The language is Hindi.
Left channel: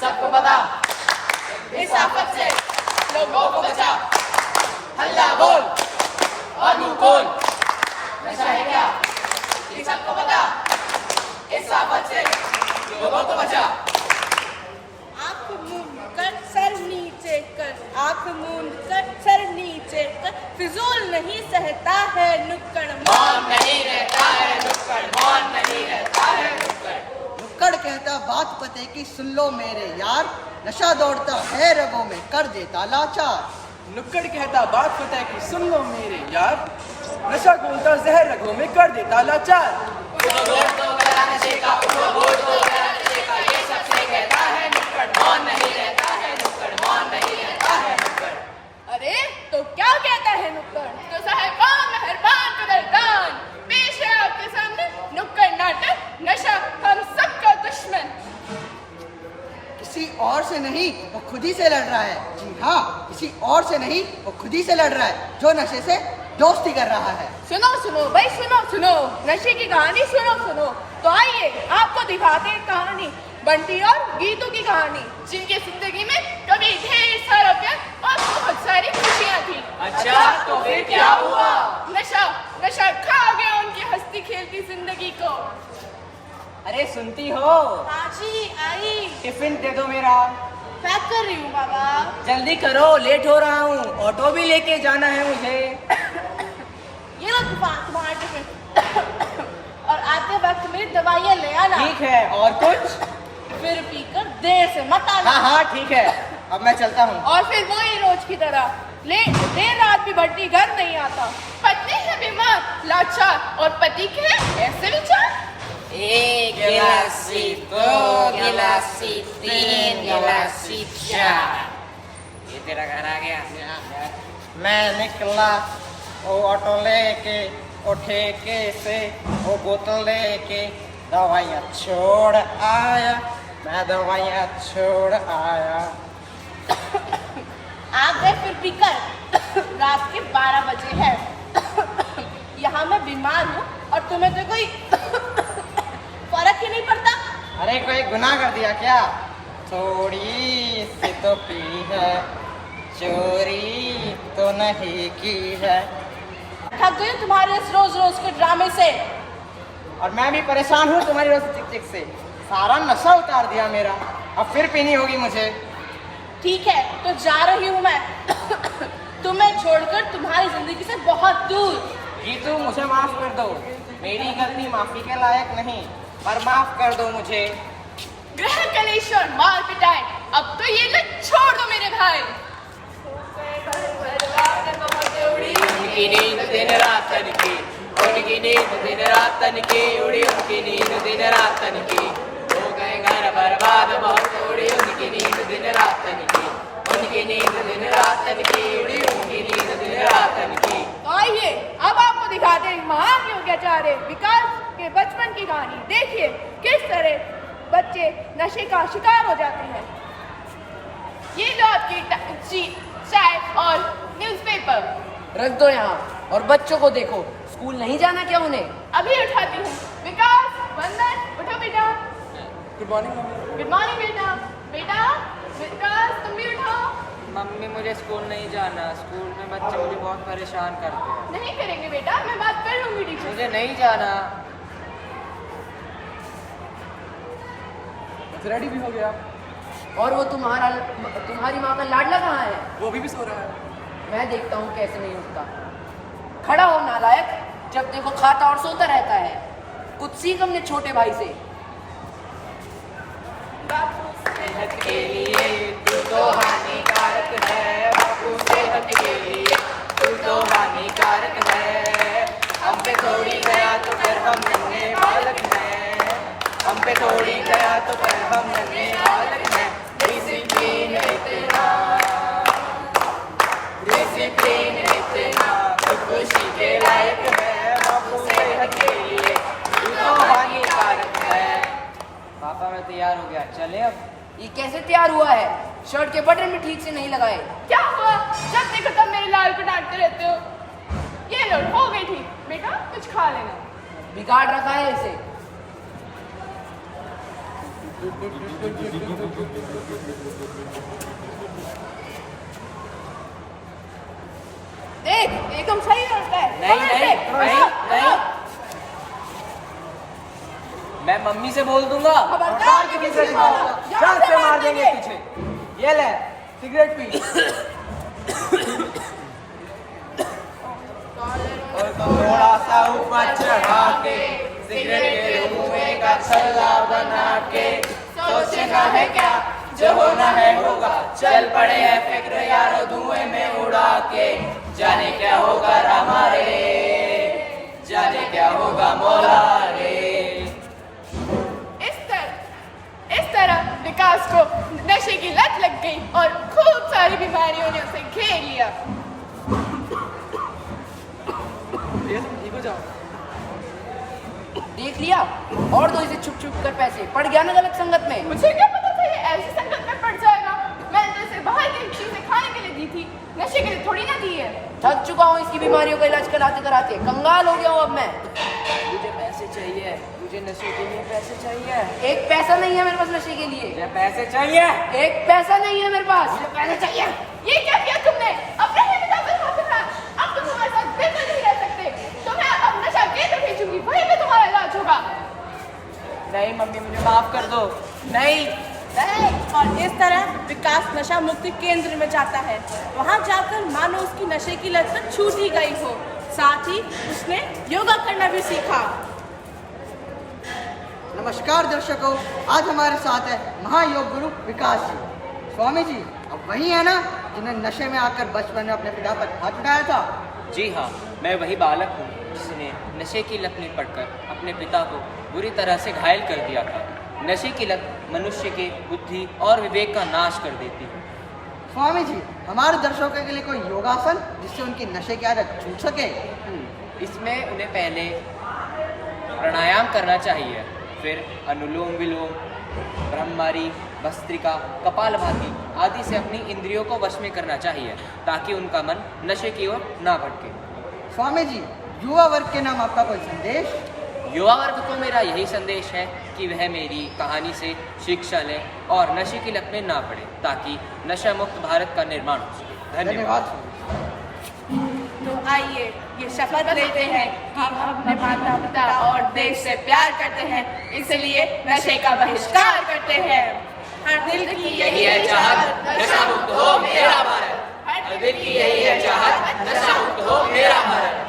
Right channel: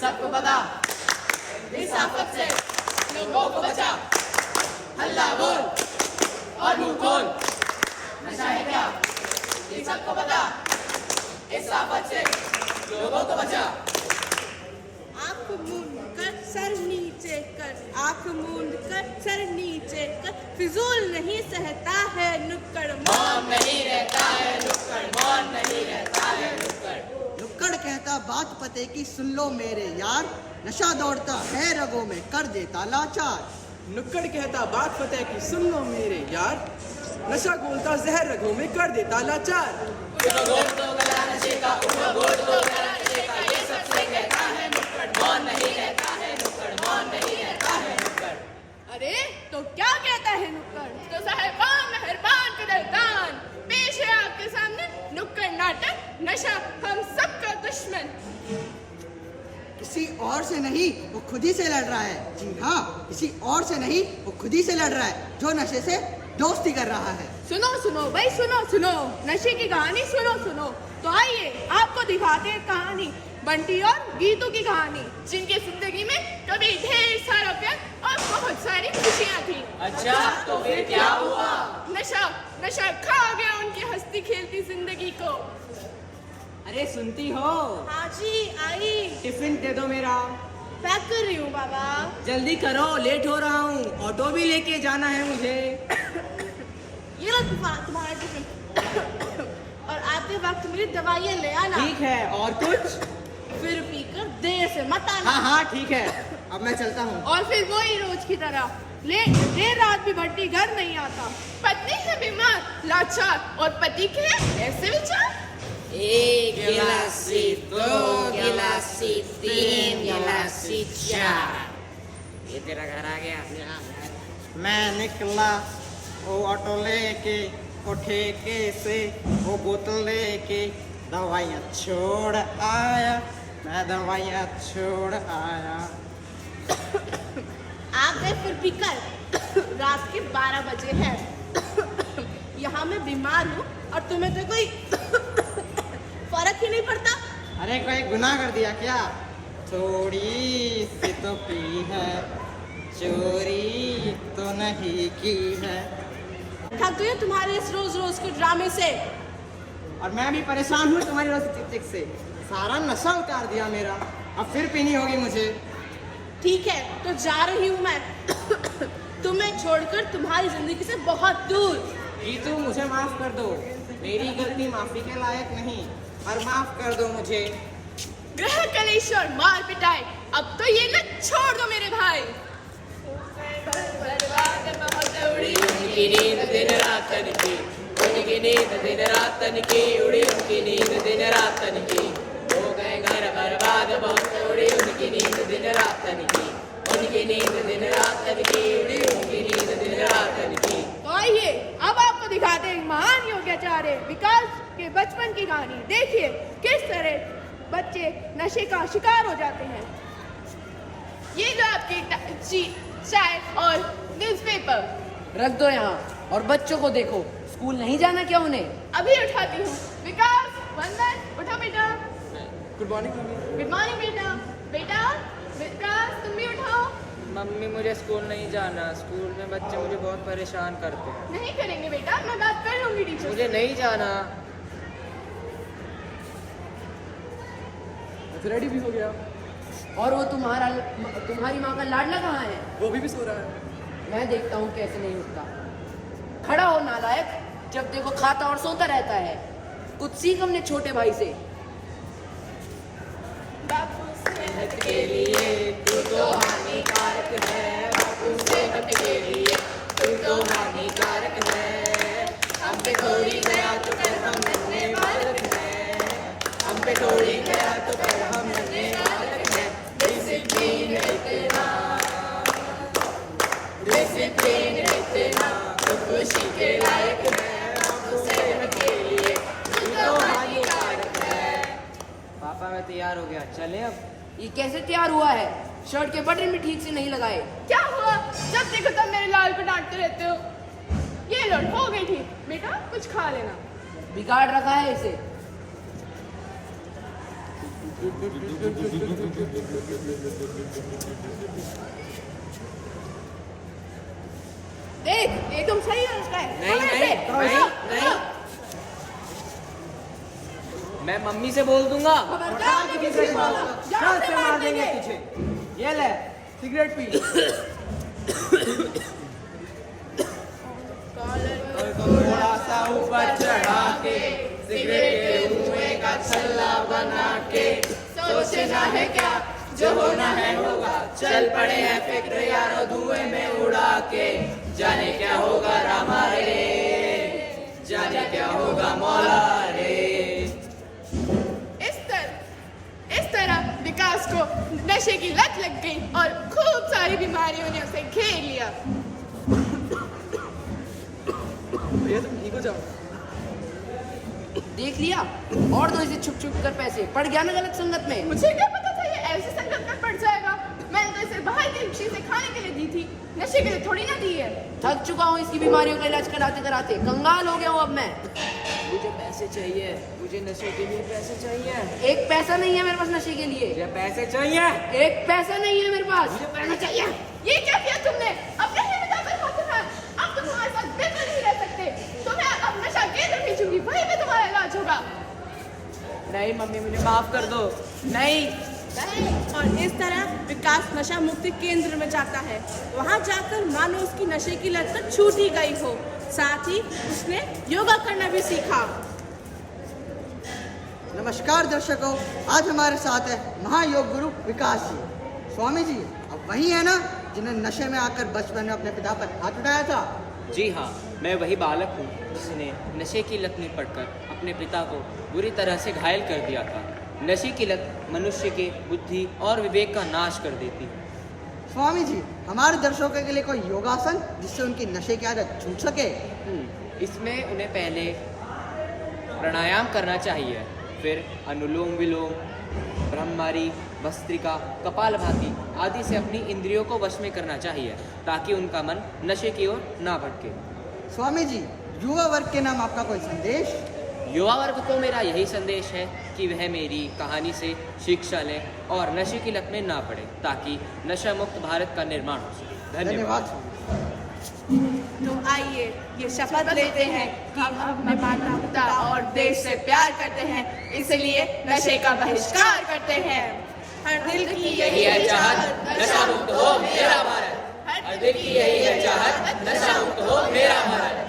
सबको पता, इस आफत से लोगों को बचा। हल्ला बोल और मुंह खोल, नशा है क्या ये सबको पता, इस आफत से लोगों को बचा। आँख मूंद कर सर नीचे कर, आँख मूंद कर सर नीचे कर, फिजूल नहीं सहता है नुक्कड़, मौन नहीं रहता है नुक्कड़, मौन नहीं रहता है नुक्कड़। नुक्कड़ कहता बात पते की सुन लो मेरे यार, नशा दौड़ता है रगों में कर देता लाचार। नुक्कड़ कहता बात पता की सुन लो मेरे यार, नशा घोलता जहर रगों में कर देता लाचार। उनो वोट दो गला नशे का, उनो वोट दो गला नशे का, ये सबसे कहता है नुक्कड़, मौन नहीं रहता है नुक्कड़, मौन नहीं रहता है नुक्कड़। अरे तो क्या कहता है नुक्कड़, तो साहिबान मेहरबान कदरदान, पेश है आपके सामने नुक्कड़ नाटक, नशा हम सबका दुश्मन। किसी और से नहीं वो खुद ही से लड़ रहा है। जी हाँ, किसी और से नहीं वो खुद ही से लड़ रहा है, जो नशे से दोस्ती कर रहा है। सुनो सुनो भाई, सुनो सुनो, नशे की कहानी सुनो सुनो। तो आइए आपको दिखाते हैं कहानी, बंटी और गीतू की कहानी, जिनके जिंदगी में कभी ढेर सारा प्यार और बहुत सारी खुशियाँ थी। अच्छा तो फिर क्या हुआ? नशा नशा खा गया उनकी हंसती खेलती जिंदगी को। अरे सुनती हो, आजी आई, टिफिन दे दो मेरा। पैक कर रही हूँ बाबा। जल्दी करो, लेट हो रहा हूँ, ऑटो भी लेके जाना है मुझे। ये लो तुम्हारा टिफिन और आते वक्त मेरी दवाइयाँ ले आना। ठीक है, और कुछ? फिर पीकर देर से मत आना। हाँ हाँ ठीक है, अब मैं चलता हूँ। और फिर वही रोज की तरह देर रात भी बंटी घर नहीं आता, पत्नी है बीमार लाचार और पति के ऐसे विचार। एक गिलासी, दो गिलासी, तीन गिलासी, चार। ये तेरा घर आ गया। मैं निकला वो ऑटो लेके, वो ठेके से वो बोतल लेके, दवाइयाँ छोड़ आया, मैं दवाइयाँ छोड़ आया। आ गए फिर पीकर, रात के 12 बजे है। यहाँ मैं बीमार हूँ और तुम्हें तो कोई फर्क ही नहीं पड़ता। अरे कोई गुनाह कर दिया क्या? थोड़ी सी तो पी है, चोरी तो नहीं की है। थक गई हूँ तुम्हारे इस रोज रोज के ड्रामे से। और मैं भी परेशान हूँ तुम्हारी रोज चिक चिक से, सारा नशा उतार दिया मेरा, अब फिर पीनी होगी मुझे। ठीक है तो जा रही हूँ मैं तुम्हें छोड़कर तुम्हारी जिंदगी से बहुत दूर। गीतू मुझे माफ कर दो, मेरी गलती माफी के लायक नहीं, पर माफ कर दो मुझे। ग्रह कलेश और मार पिटाई, अब तो ये ना छोड़ दो मेरे भाई। उनकी नींद दिन रात तनकी, उनकी नींद दिन रात तनकी, उड़ी उनकी नींद दिन रात तनकी, हो गए घर बर्बाद बहुत उड़ी उनकी नींद दिन रात तनकी, उनकी नींद दिन रात तनकी, उड़ी उनकी नींद दिन रात तनकी। तो आइए अब आपको दिखाते हैं महान योगाचार्य विकास के बचपन की कहानी। देखिए किस तरह बच्चे नशे का शिकार हो जाते हैं। ये लो आपकी चाय और न्यूज़पेपर। रख दो यहाँ और बच्चों को देखो, स्कूल नहीं जाना क्या उन्हें? अभी उठाती हूँ। विकास, वंदन, उठो बेटा। Good morning mummy. Good morning बेटा। बेटा विकास तुम भी उठाओ। मम्मी मुझे स्कूल नहीं जाना, स्कूल में बच्चे मुझे बहुत परेशान करते हैं। नहीं करेंगे बेटा, मैं बात कर लूंगी टीचर। मुझे नहीं जाना। रेडी भी हो गया। और वो तुम्हारी माँ का लाडला कहाँ है? वो भी सो रहा है। मैं देखता हूँ कैसे नहीं उठता। खड़ा हो नालायक, जब देखो खाता और सोता रहता है। कुछ सीख अपने छोटे भाई से। सेहत के लिए तू तो हानिकारक है, बापू सेहत के लिए तू तो हानिकारक है। हम पे थोड़ी गया तो फिर हम नन्हे बालक हैं, हम पे थोड़ी गया तो फिर हम नन्हे बालक हैं। डिसिप्लिन इतना, डिसिप्लिन इतना तो खुशी के लायक है, बापू सेहत के लिए तू तो हानिकारक है। पापा मैं तैयार हो गया, चले अब। ये कैसे तैयार हुआ है? शर्ट के बटन भी ठीक से नहीं लगाए। क्या हुआ? जब देखो तब मेरे लाल को डांटते रहते हो। ये लो हो गई ठीक। बेटा कुछ खा लेना। बिगाड़ रखा है इसे। देख, एकदम सही रास्ता है। नहीं, पकड़ नहीं, ले, नहीं, पकड़, नहीं। पकड़। मैं मम्मी से बोल दूंगा। खबरदार किसी से बोलो, जान से मार देंगे तुझे। ये ले सिगरेट पी। थोड़ा सा ऊपर चढ़ा के सिगरेट के धुएं का छल्ला बना के सोचना है क्या जो होना है होगा चल पड़े हैं फिक्र यारो धुएं में उड़ा के जाने क्या होगा रामा रे जाने क्या होगा मौला रे। इस तरह विकास को नशे की लत लग गई और खूब सारी बीमारियों ने उसे घेर लिया। ठीक हो जाओ। देख लिया और दो इसे छुप छुप कर पैसे पड़ गया ना गलत संगत में। मुझे क्या पता था ये ऐसी संगत में पड़ जाएगा। मैंने तो इसे बाहर की चीजें खाने के लिए दी थी, नशे के लिए थोड़ी ना दी है। थक चुका हूँ इसकी बीमारियों का इलाज कराते कराते, कंगाल हो गया हूँ अब मैं। मुझे पैसे चाहिए, मुझे नशे के लिए पैसे चाहिए। एक पैसा नहीं है मेरे पास नशे के लिए। मुझे पैसे चाहिए। एक पैसा नहीं है मेरे पास। मुझे पैसे चाहिए। ये क्या किया तुमने? अपने ही पिता पर हाथ उठाया। अब तो तुम्हारे साथ बिल्कुल नहीं रह सकते। तुम्हें अब नशा केंद्र भेजूंगी, वहीं पे तुम्हारा इलाज होगा। नहीं मम्मी, मुझे माफ कर दो। नहीं। और इस तरह विकास नशा मुक्ति केंद्र में जाता है। वहाँ जाकर मानो उसकी नशे की लत तो छूट ही गई हो, साथ ही उसने योगा करना भी सीखा। नमस्कार दर्शकों, आज हमारे साथ है महायोग गुरु विकास जी। स्वामी जी अब वही है ना जिन्होंने नशे में आकर बचपन में अपने पिता पर हाथ उठाया था? जी हाँ, मैं वही बालक हूँ जिसने नशे की लत में पड़कर अपने पिता को बुरी तरह से घायल कर दिया था। नशे की लत मनुष्य के बुद्धि और विवेक का नाश कर देती है। स्वामी जी हमारे दर्शकों के लिए कोई योगासन जिससे उनकी नशे की आदत छूट सके? इसमें उन्हें पहले प्राणायाम करना चाहिए, फिर अनुलोम विलोम, ब्रह्मरी, भस्त्रिका, कपालभाति आदि से अपनी इंद्रियों को वश में करना चाहिए ताकि उनका मन नशे की ओर ना भटके। स्वामी जी युवा वर्ग के नाम आपका कोई संदेश? युवा वर्ग को मेरा यही संदेश है कि वह मेरी कहानी से शिक्षा लें और नशे की लत में ना पड़े ताकि नशा मुक्त भारत का निर्माण हो सके। धन्यवाद। स्वामी। तो आइए ये शपथ लेते हैं कि हम अपने माता पिता और देश से प्यार करते हैं, इसलिए नशे का बहिष्कार करते हैं। हर दिल की यही है चाहत नशा मुक्त हो मेरा भारत। हर दिल की यही है चाहत नशा मुक्त हो मेरा भारत।